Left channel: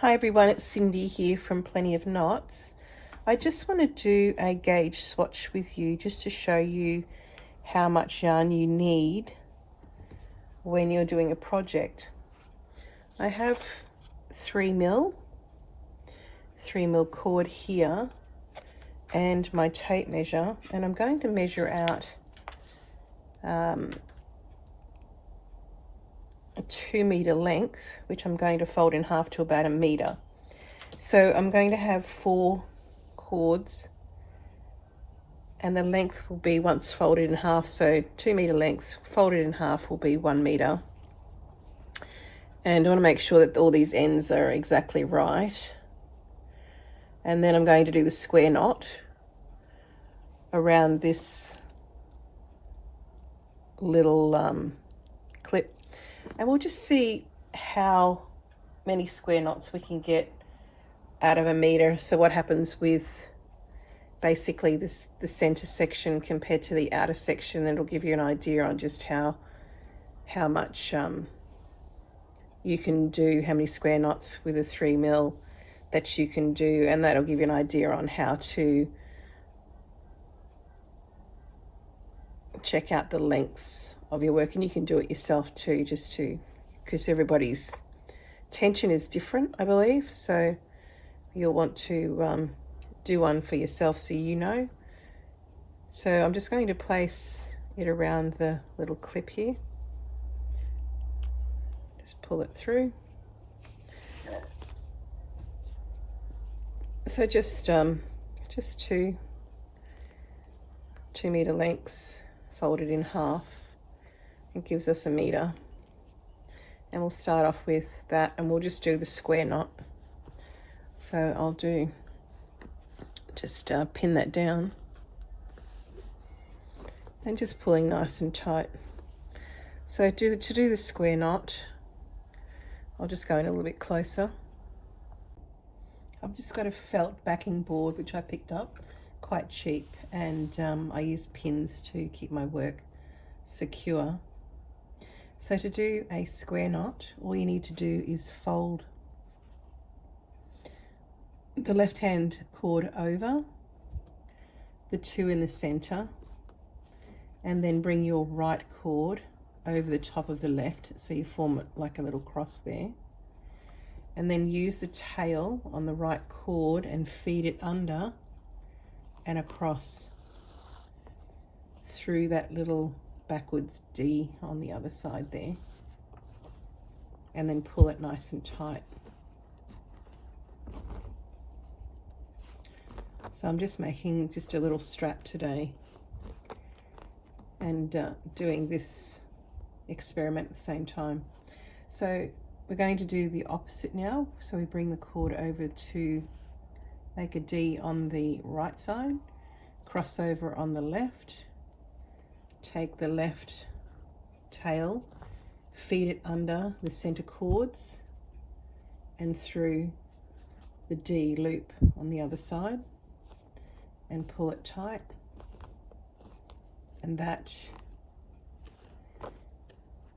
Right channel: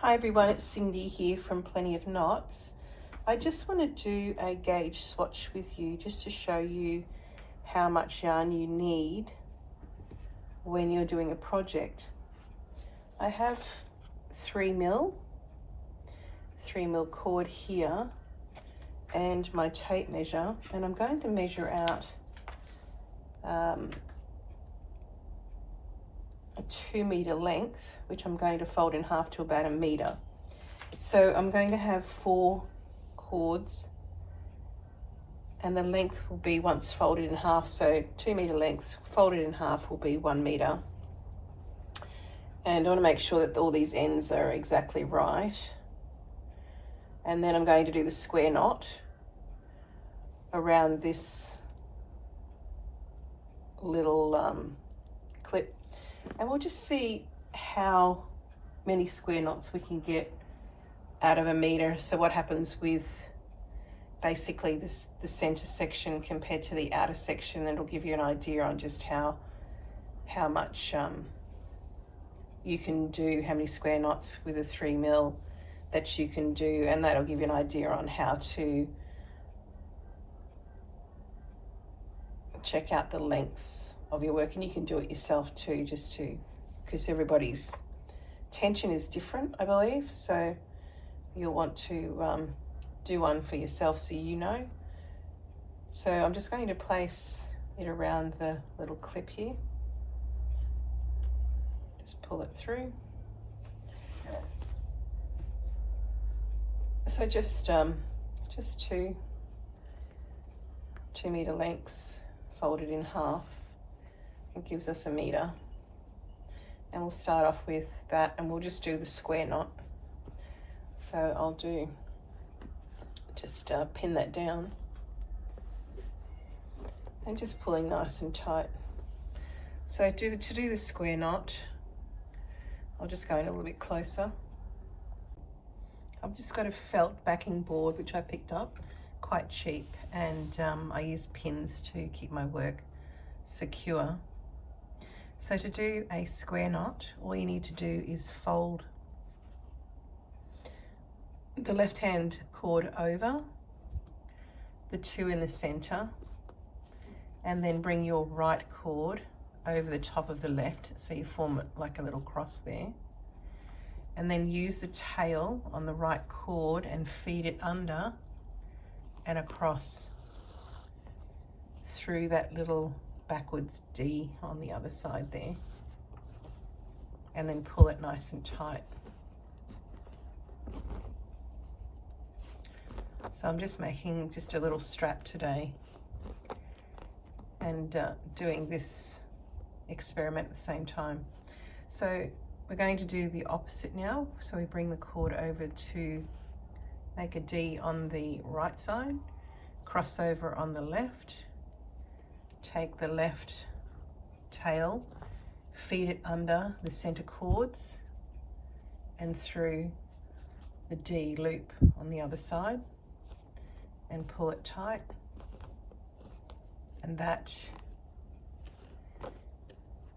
Hi everyone, it's Cindy here from Plenty of Knots. I just want to do a gauge swatch with you just to show you how much yarn you need when you're doing a project. I have 3mm cord here and my tape measure, and I'm going to measure out a 2-meter length, which I'm going to fold in half to about 1 meter. So I'm going to have 4 cords, and the length will be, once folded in half, so 2-meter lengths folded in half will be 1 meter. And I want to make sure that all these ends are exactly right. And then I'm going to do the square knot around this little clip, and we'll just see how many square knots we can get out of 1 meter. So what happens with basically the center section compared to the outer section. It'll give you an idea on just how much you can do, how many square knots with a 3mm that you can do, and that'll give you an idea on how to check out the lengths of your work. And you can do it yourself too, just to, because everybody's tension is different, I believe, so you'll want to do one for yourself so you know. So I'm just going to place it around the little clip here, just pull it through. So just 2-meter lengths folded in half. It gives us 1 meter, and we'll start off with that, and we'll just do the square knot. So I'll do just pin that down and just pulling nice and tight. So to do the square knot, I'll just go in a little bit closer. I've just got a felt backing board which I picked up, quite cheap, and I use pins to keep my work secure. So to do a square knot, all you need to do is fold the left hand cord over the 2 in the center, and then bring your right cord over the top of the left, so you form like a little cross there, and then use the tail on the right cord and feed it under and across through that little backwards D on the other side there, and then pull it nice and tight. So I'm just making just a little strap today and doing this experiment at the same time. So we're going to do the opposite now. So we bring the cord over to make a D on the right side, cross over on the left, take the left tail, feed it under the center cords and through the D loop on the other side, and pull it tight. And that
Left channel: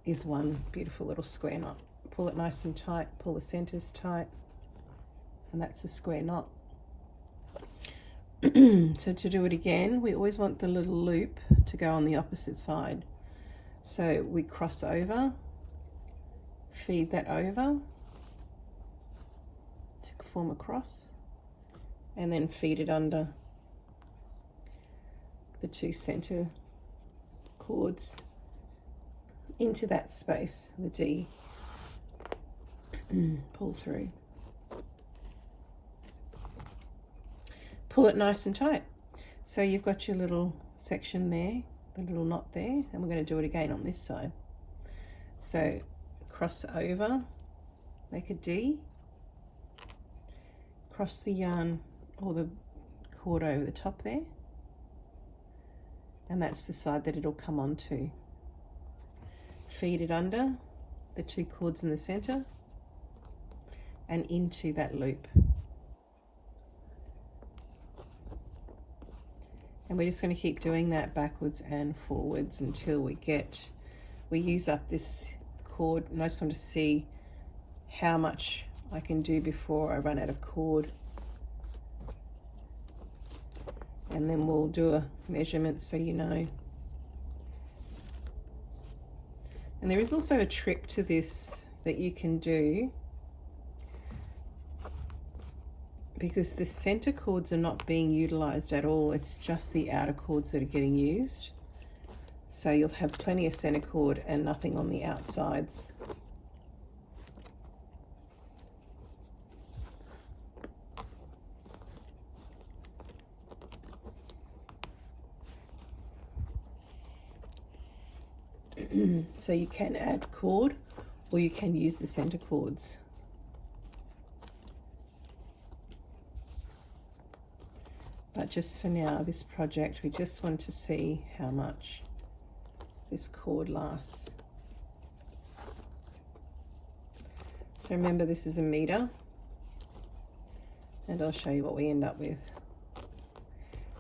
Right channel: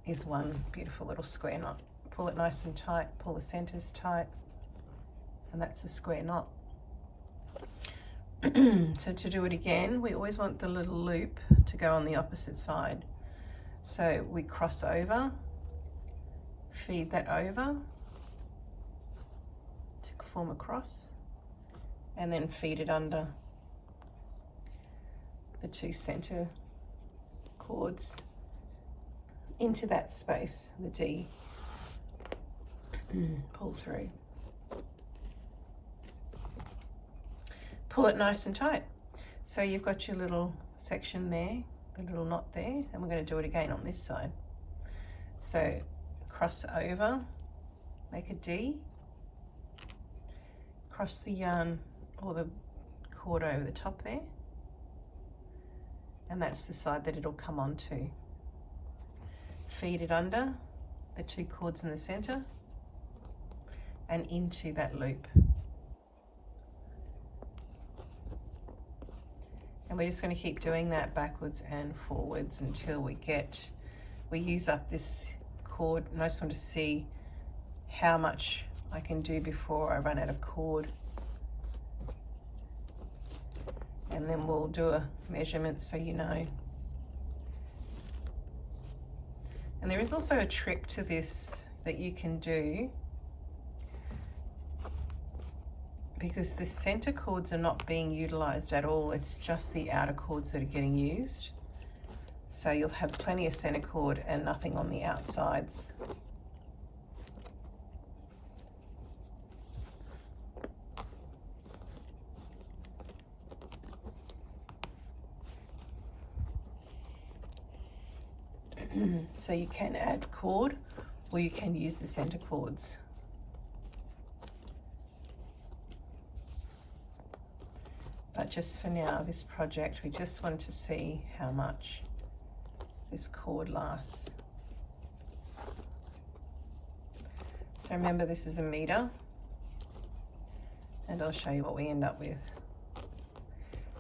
is one beautiful little square knot. Pull it nice and tight, pull the centers tight, and that's a square knot. So to do it again, we always want the little loop to go on the opposite side. So we cross over, feed that over to form a cross, and then feed it under the 2 center cords into that space, the D. Pull through. Pull it nice and tight. So you've got your little section there, the little knot there, and we're going to do it again on this side. So cross over, make a D, cross the yarn or the cord over the top there, and that's the side that it'll come onto. Feed it under the 2 cords in the center and into that loop. And we're just going to keep doing that backwards and forwards until we use up this cord. And I just want to see how much I can do before I run out of cord. And then we'll do a measurement so you know. And there is also a trick to this that you can do, because the center cords are not being utilized at all. It's just the outer cords that are getting used. So you'll have plenty of center cord and nothing on the outsides. So you can add cord or you can use the center cords. But just for now, this project, we just want to see how much this cord lasts. So remember, this is a meter, and I'll show you what we end up with.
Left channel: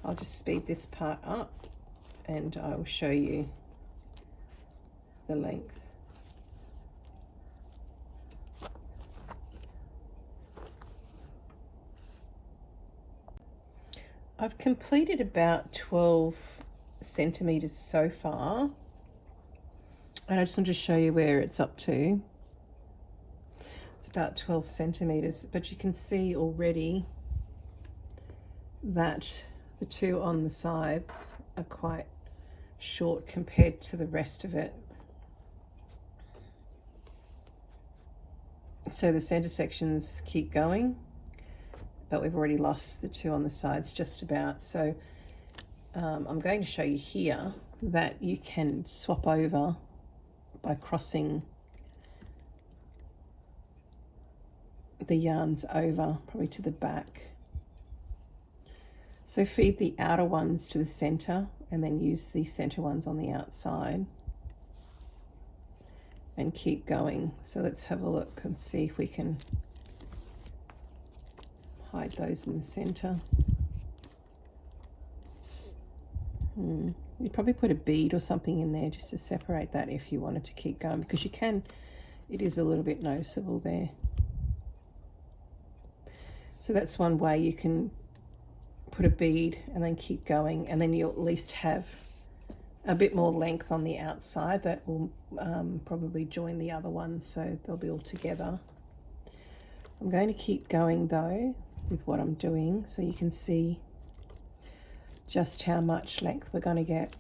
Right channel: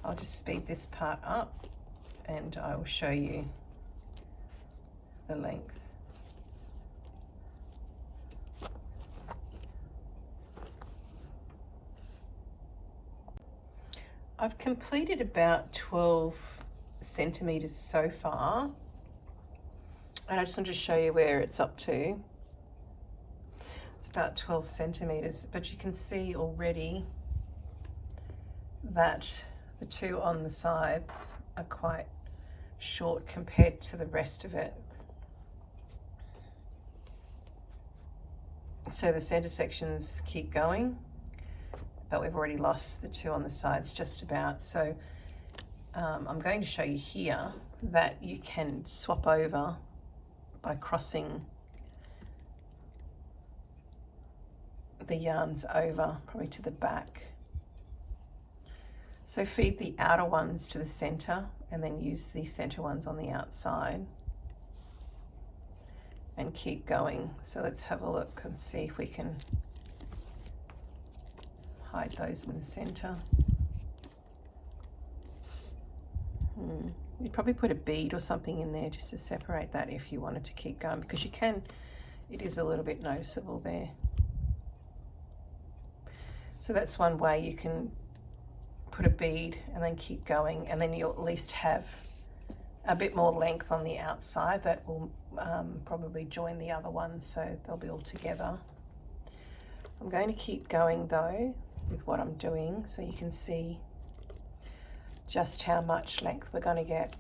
I'll just speed this part up and I will show you the length. I've completed about 12 centimeters so far, and I just want to show you where it's up to. It's about 12 centimeters, but you can see already that the two on the sides are quite short compared to the rest of it. So the center sections keep going, but we've already lost the two on the sides just about. So I'm going to show you here that you can swap over by crossing the yarns over probably to the back. So feed the outer ones to the center and then use the center ones on the outside and keep going. So let's have a look and see if we can hide those in the center. You'd probably put a bead or something in there just to separate that if you wanted to keep going, because you can, it is a little bit noticeable there. So that's one way you can put a bead and then keep going, and then you'll at least have a bit more length on the outside that will probably join the other ones, so they'll be all together. I'm going to keep going though with what I'm doing so you can see just how much length we're going to get.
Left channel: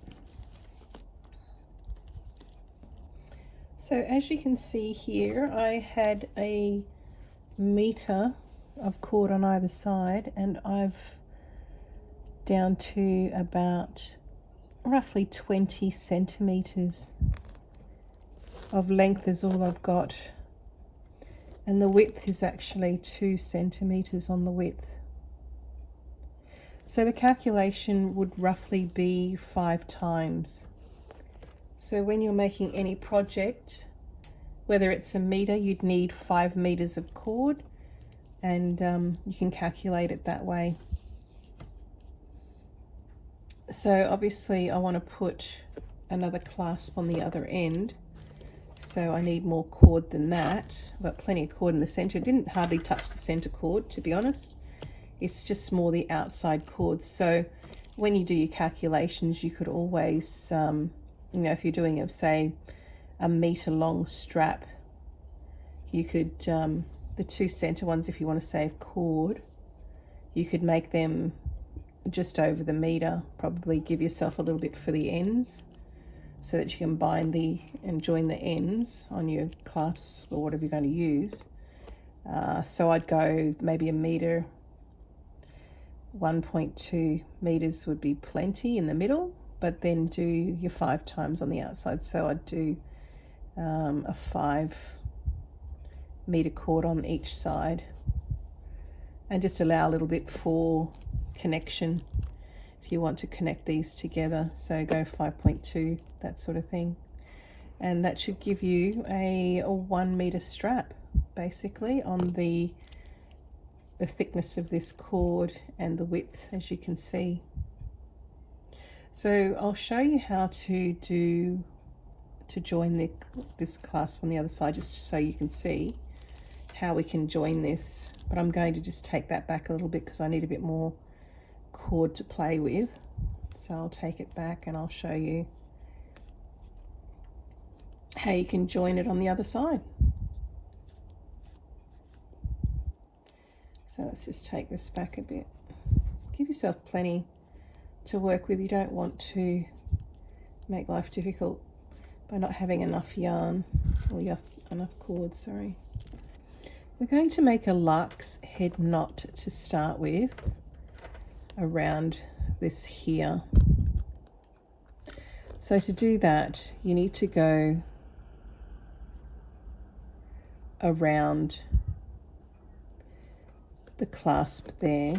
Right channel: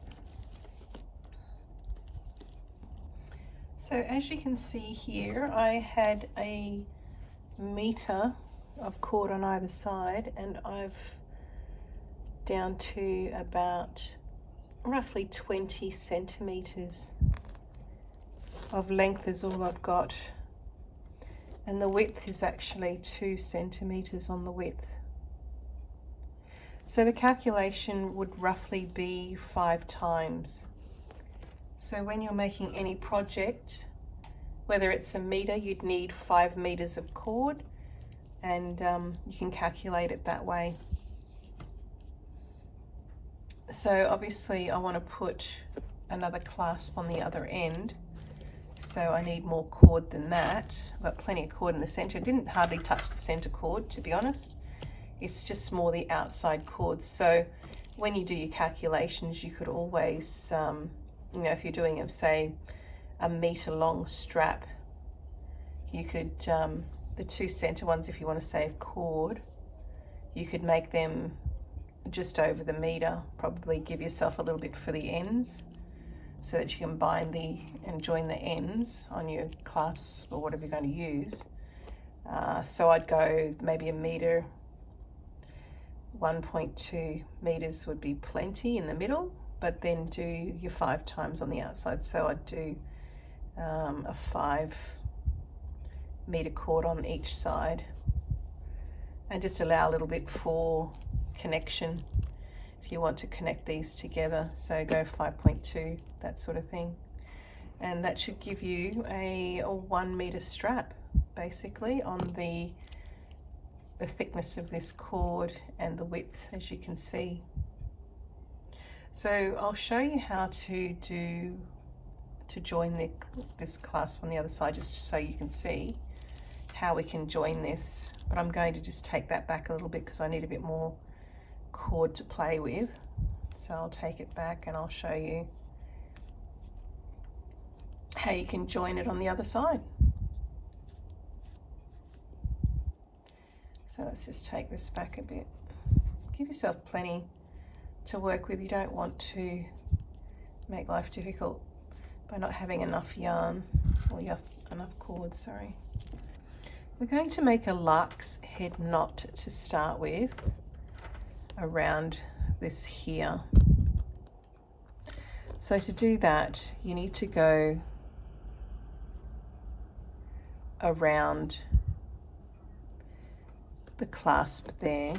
So as you can see here, I had a meter of cord on either side, and I've down to about roughly 20 centimeters of length is all I've got, and the width is actually 2 centimeters on the width. So the calculation would roughly be 5 times. So when you're making any project, whether it's a meter, you'd need 5 meters of cord, and you can calculate it that way. So obviously I want to put another clasp on the other end, so I need more cord than that. I've got plenty of cord in the center. It didn't hardly touch the center cord, to be honest. It's just more the outside cords. So when you do your calculations, you could always, you know, if you're doing, say, a meter long strap, you could, the 2 center ones, if you want to save cord, you could make them just over the meter, probably give yourself a little bit for the ends so that you can bind and join the ends on your clasp or whatever you're going to use. So I'd go maybe a meter, 1.2 meters would be plenty in the middle, but then do your 5 times on the outside. So I'd do a 5 meter cord on each side, and just allow a little bit for connection if you want to connect these together. So go 5.2, that sort of thing, and that should give you a 1 meter strap basically on the thickness of this cord and the width, as you can see. So I'll show you how to join this clasp on the other side, just so you can see how we can join this, but I'm going to just take that back a little bit because I need a bit more cord to play with. So I'll take it back and I'll show you how you can join it on the other side. So let's just take this back a bit. Give yourself plenty to work with. You don't want to make life difficult by not having enough yarn, or enough cord, sorry. We're going to make a lark's head knot to start with around this here. So to do that, you need to go around the clasp there.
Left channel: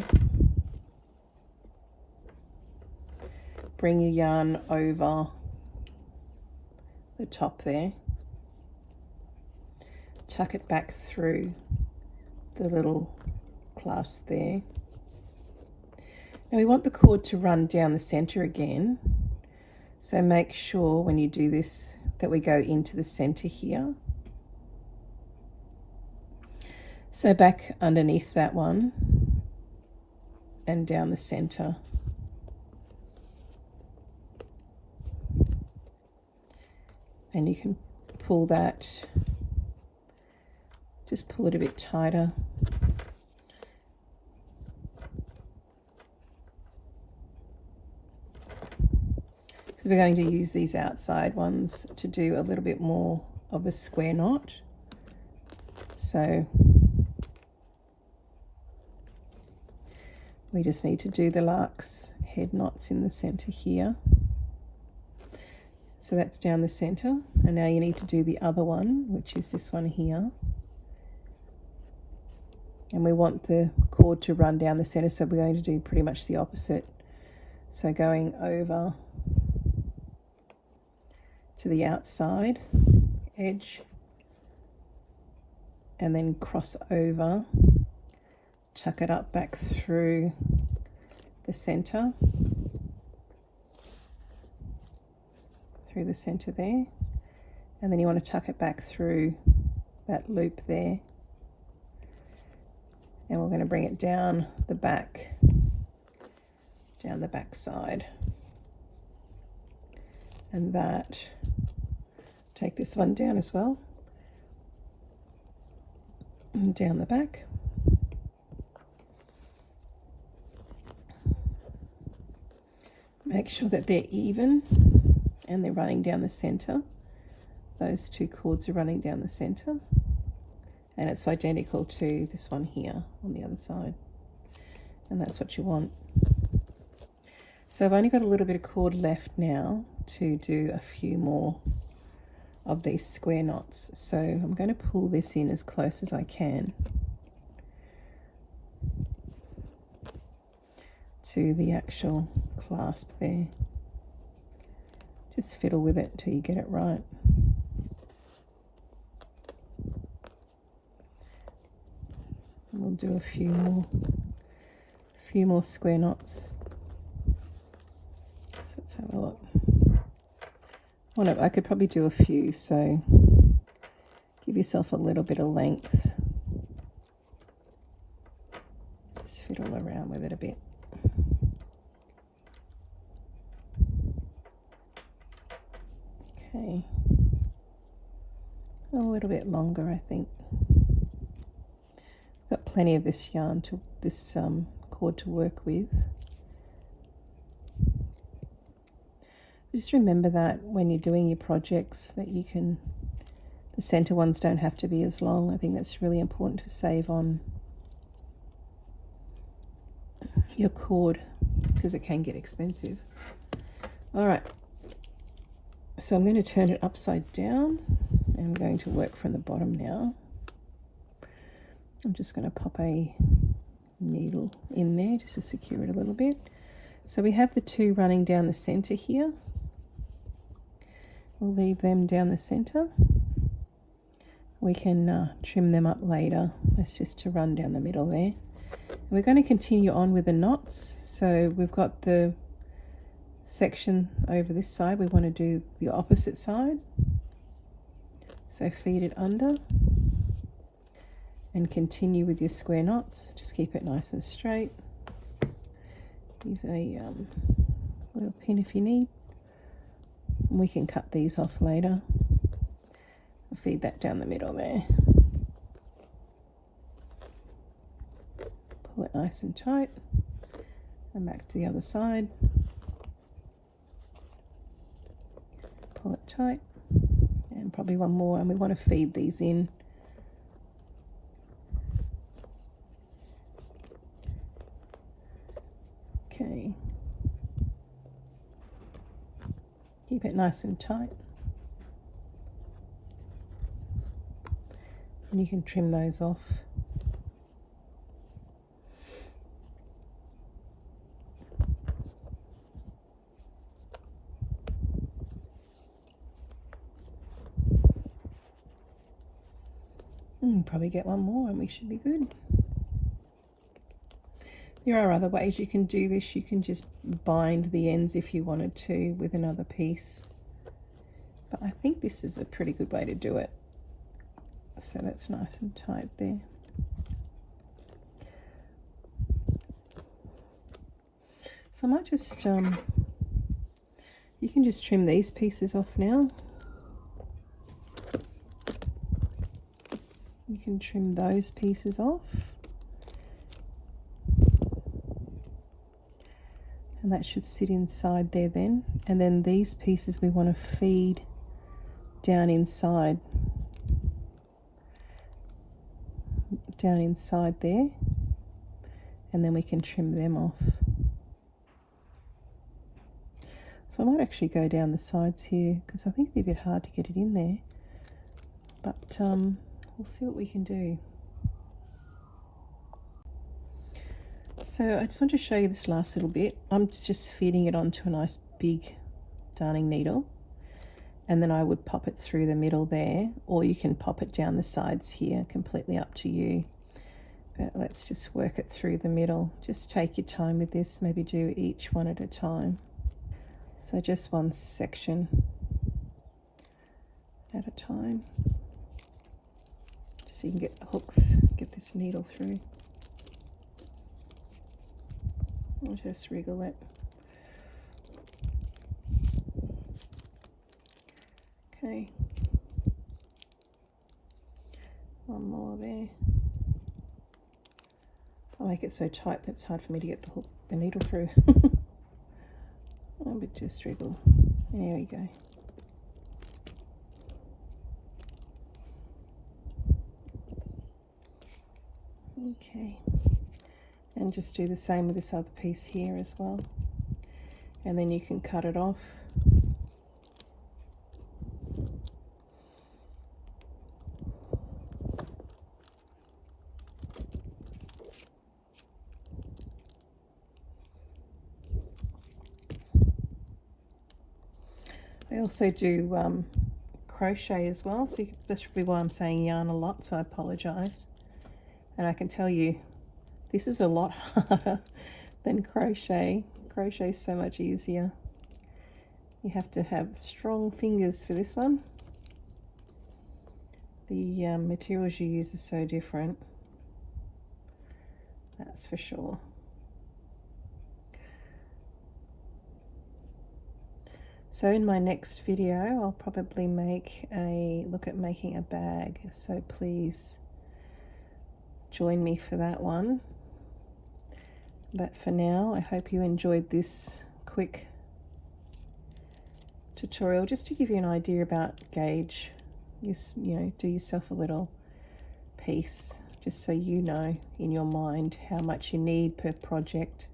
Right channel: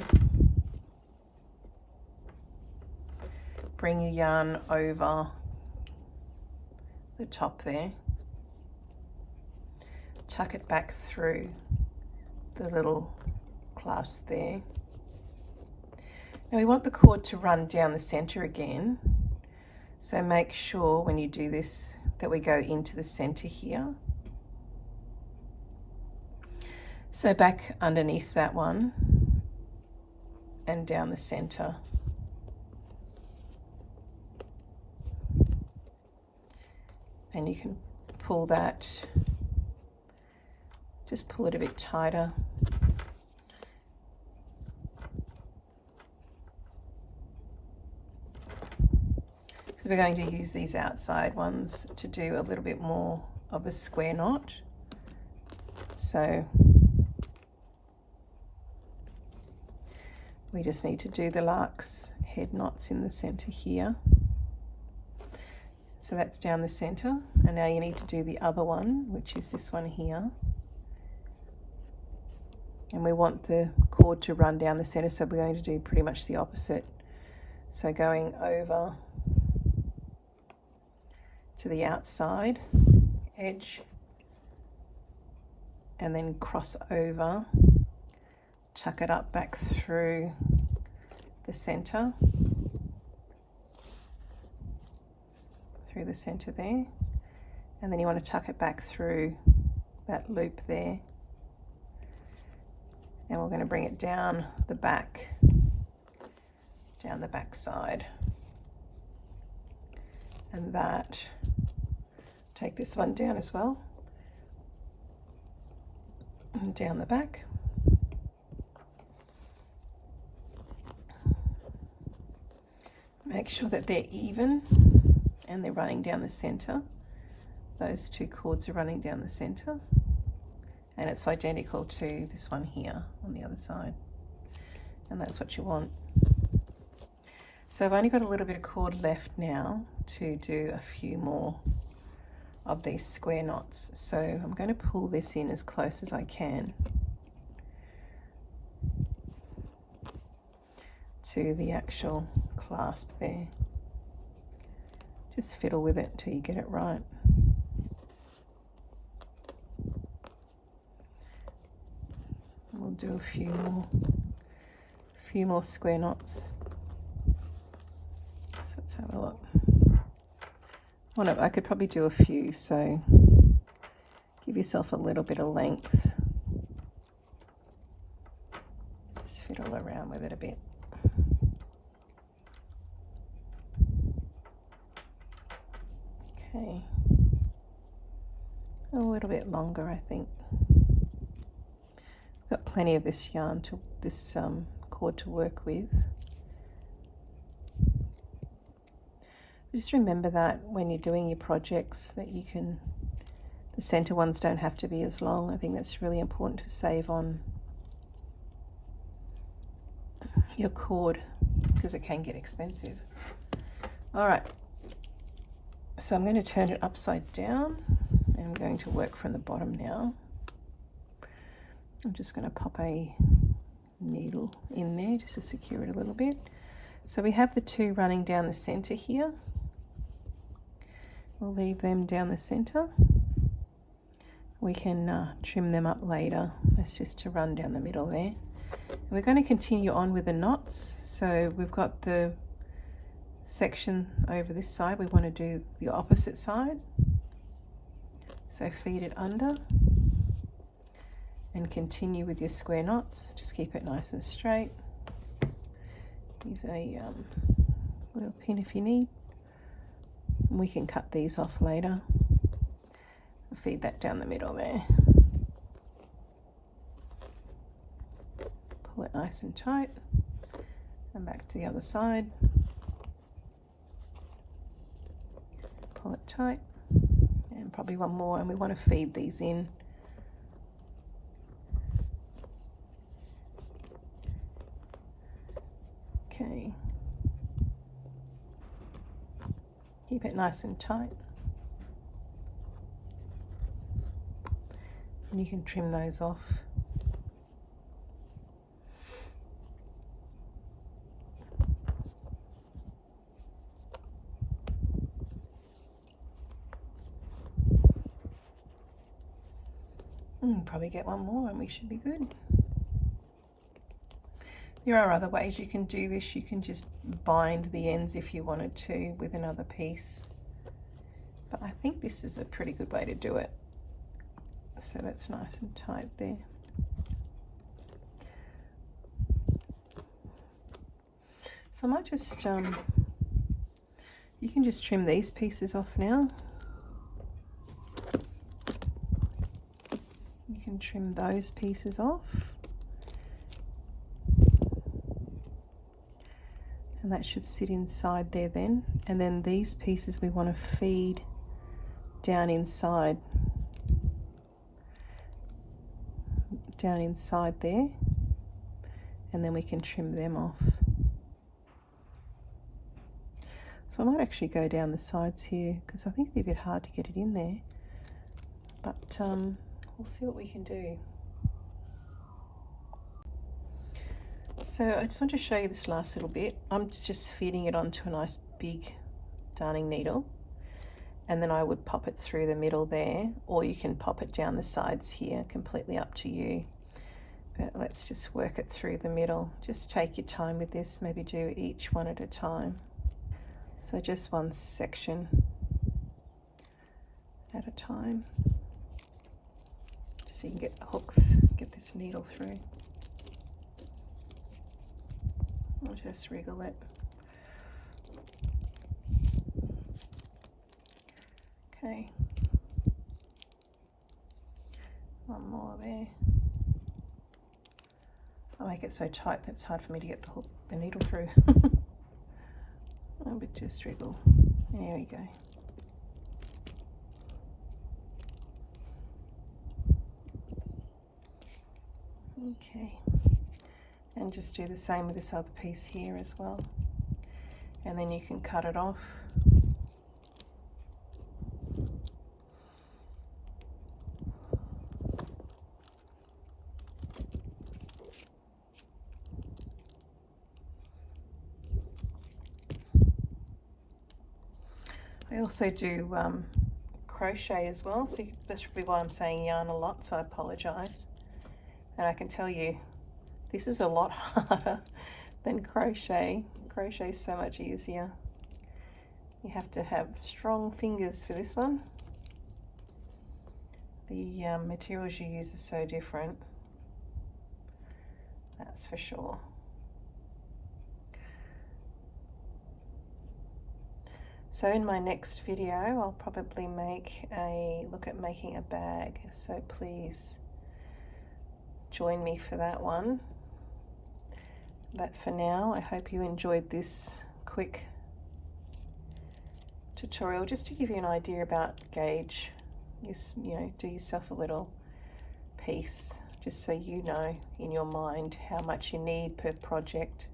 Bring your yarn over the top there. Tuck it back through the little clasp there. Now we want the cord to run down the center again. So make sure when you do this that we go into the center here. So back underneath that one and down the center. And you can pull that, just pull it a bit tighter. Because we're going to use these outside ones to do a little bit more of a square knot. So we just need to do the lark's head knots in the center here. So that's down the center, and now you need to do the other one, which is this one here. And we want the cord to run down the center, so we're going to do pretty much the opposite. So going over to the outside edge, and then cross over, tuck it up back through the center. Through the center there, and then you want to tuck it back through that loop there, and we're going to bring it down the back side, and that, take this one down as well, and down the back. Make sure that they're even and they're running down the center. Those two cords are running down the center, and it's identical to this one here on the other side, and that's what you want. So I've only got a little bit of cord left now to do a few more of these square knots, so I'm going to pull this in as close as I can to the actual clasp there. Just fiddle with it until you get it right. And we'll do a few more square knots. So let's have a look. Oh no, I could probably do a few, so give yourself a little bit of length. Just fiddle around with it a bit. Okay, a little bit longer, I think. Got plenty of this yarn to this cord to work with. Just remember that when you're doing your projects, that you can, the center ones don't have to be as long. I think that's really important to save on your cord because it can get expensive. All right. So I'm going to turn it upside down, and I'm going to work from the bottom now. I'm just going to pop a needle in there just to secure it a little bit. So we have the two running down the center here. We'll leave them down the center. We can trim them up later. That's just to run down the middle there. And we're going to continue on with the knots. So we've got the section over this side. We want to do the opposite side. So feed it under, and continue with your square knots. Just keep it nice and straight. Use a little pin if you need. We can cut these off later. Feed that down the middle there. Pull it nice and tight, and back to the other side. Pull it tight, and probably one more, and we want to feed these in. Okay. Keep it nice and tight. And you can trim those off. Probably get one more and we should be good. There are other ways you can do this. You can just bind the ends if you wanted to with another piece. But I think this is a pretty good way to do it. So that's nice and tight there. So I might just, you can just trim these pieces off now. You can trim those pieces off. And that should sit inside there then. And then these pieces we want to feed down inside. Down inside there. And then we can trim them off. So I might actually go down the sides here because I think it'd be a bit hard to get it in there. But we'll see what we can do. So I just want to show you this last little bit. I'm just feeding it onto a nice big darning needle, and then I would pop it through the middle there, or you can pop it down the sides here, completely up to you. But let's just work it through the middle. Just take your time with this, maybe do each one at a time. So just one section at a time, just so you can get the hook, get this needle through. I'll just wriggle it. Okay. One more there. I'll make it so tight that it's hard for me to get the needle through. But just wriggle. There we go. Okay. And just do the same with this other piece here as well. And then you can cut it off. I also do crochet as well, so that's probably why I'm saying yarn a lot, so I apologise. And I can tell you, this is a lot harder than crochet. Crochet is so much easier. You have to have strong fingers for this one. The materials you use are so different, that's for sure. So in my next video, I'll probably look at making a bag. So please join me for that one. But for now, I hope you enjoyed this quick tutorial just to give you an idea about gauge. You know, do yourself a little piece just so you know in your mind how much you need per project.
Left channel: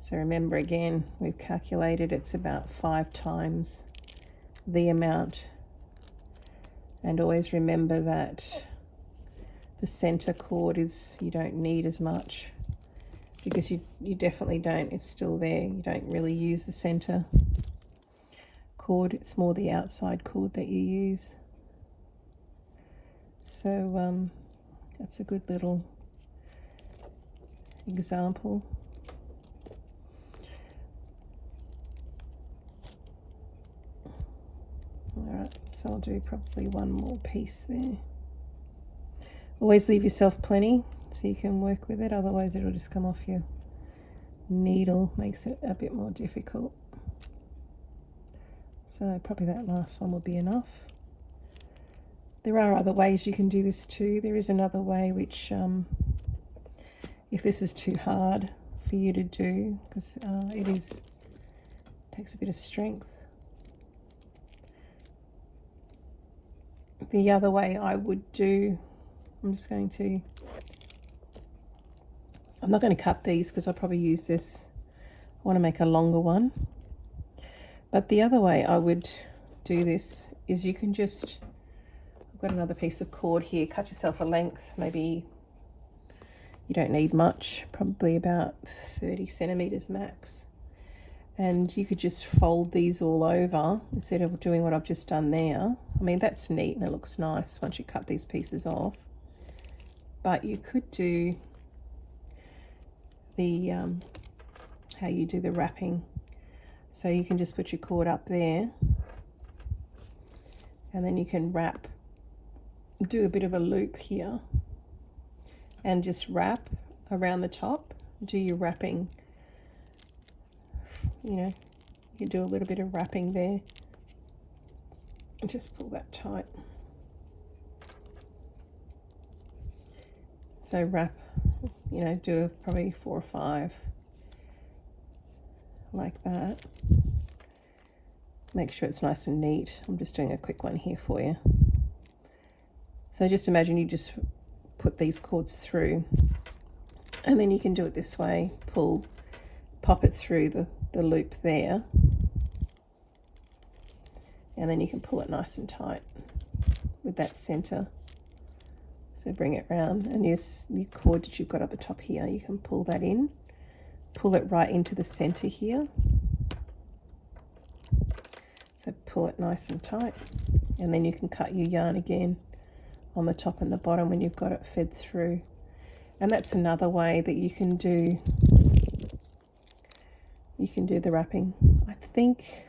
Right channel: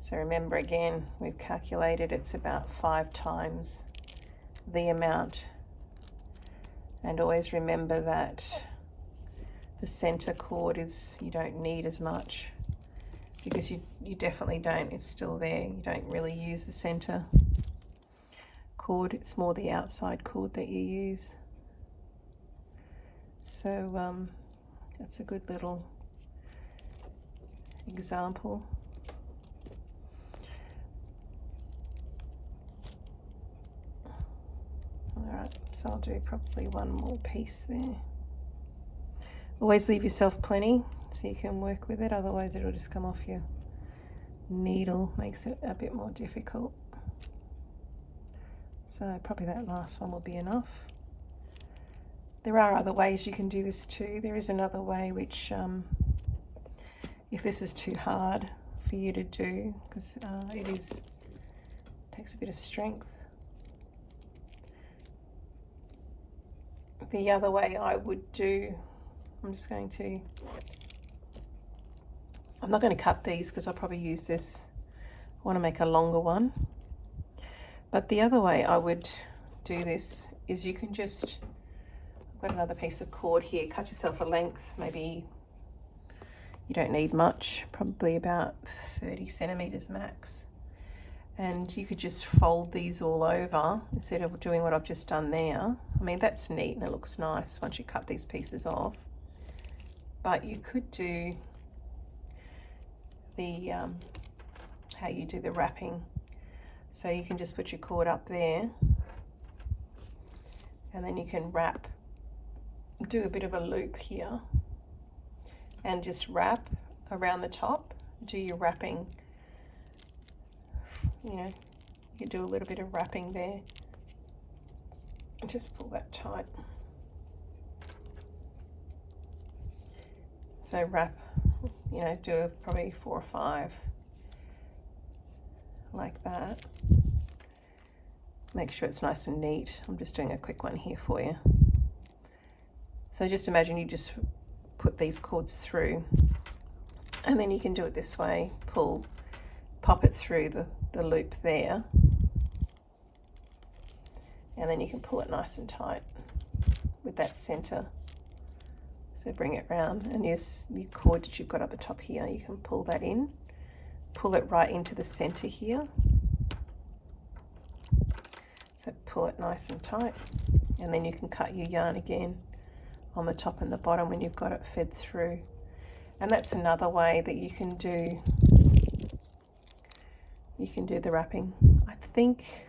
So remember, again, we've calculated it's about 5 times the amount. And always remember that the center cord you don't need as much, because you definitely don't, it's still there. You don't really use the center cord, it's more the outside cord that you use. So that's a good little example. Alright, so I'll do probably one more piece there. Always leave yourself plenty so you can work with it, otherwise it'll just come off your needle, makes it a bit more difficult. So probably that last one will be enough. There are other ways you can do this too. There is another way which, if this is too hard for you to do, because it takes a bit of strength. The other way I would do, I'm not going to cut these because I'll probably use this. I want to make a longer one. But the other way I would do this is you can just, I've got another piece of cord here, cut yourself a length, maybe you don't need much, probably about 30 centimeters max. And you could just fold these all over instead of doing what I've just done there. I mean, that's neat and it looks nice once you cut these pieces off. But you could do the, how you do the wrapping. So you can just put your cord up there and then you can wrap, do a bit of a loop here and just wrap around the top, do your wrapping. You know, you do a little bit of wrapping there and just pull that tight. So wrap, you know, do probably 4 or 5 like that. Make sure it's nice and neat. I'm just doing a quick one here for you. So just imagine you just put these cords through and then you can do it this way, pull, pop it through the loop there, and then you can pull it nice and tight with that center. So bring it round, and your cord that you've got up the top here, you can pull that in, pull it right into the center here. So pull it nice and tight, and then you can cut your yarn again on the top and the bottom when you've got it fed through. And that's another way that you can do the wrapping. I think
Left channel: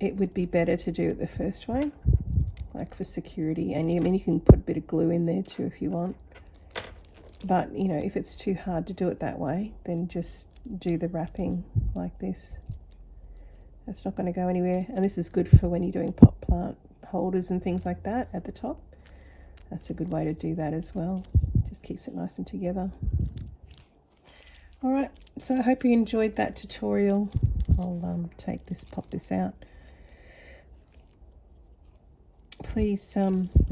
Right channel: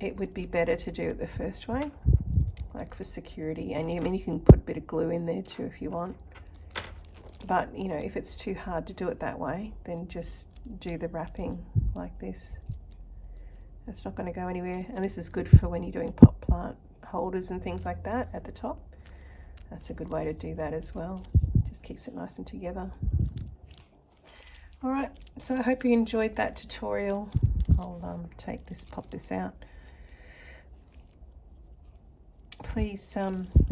it would be better to do it the first way, like for security. And I mean, you can put a bit of glue in there too if you want. But you know, if it's too hard to do it that way, then just do the wrapping like this. That's not going to go anywhere. And this is good for when you're doing pot plant holders and things like that at the top. That's a good way to do that as well. Just keeps it nice and together. Alright, so I hope you enjoyed that tutorial. I'll pop this out. Please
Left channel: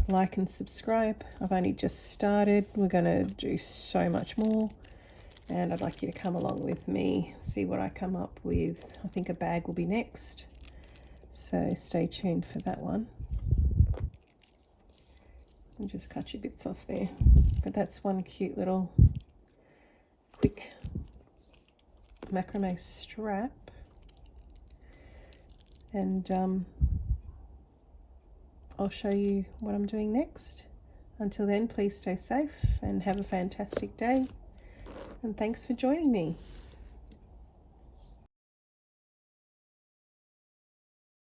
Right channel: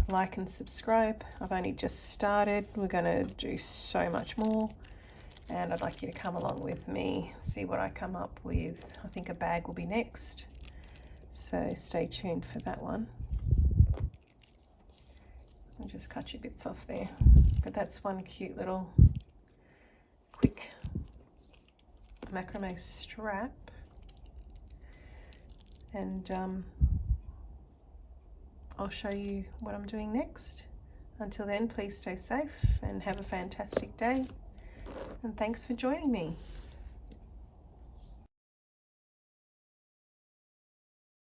like and subscribe. I've only just started. We're going to do so much more. And I'd like you to come along with me, see what I come up with. I think a bag will be next. So stay tuned for that one. I'll just cut your bits off there. But that's one cute little quick macrame strap. And I'll show you what I'm doing next. Until then, please stay safe and have a fantastic day. And thanks for joining me.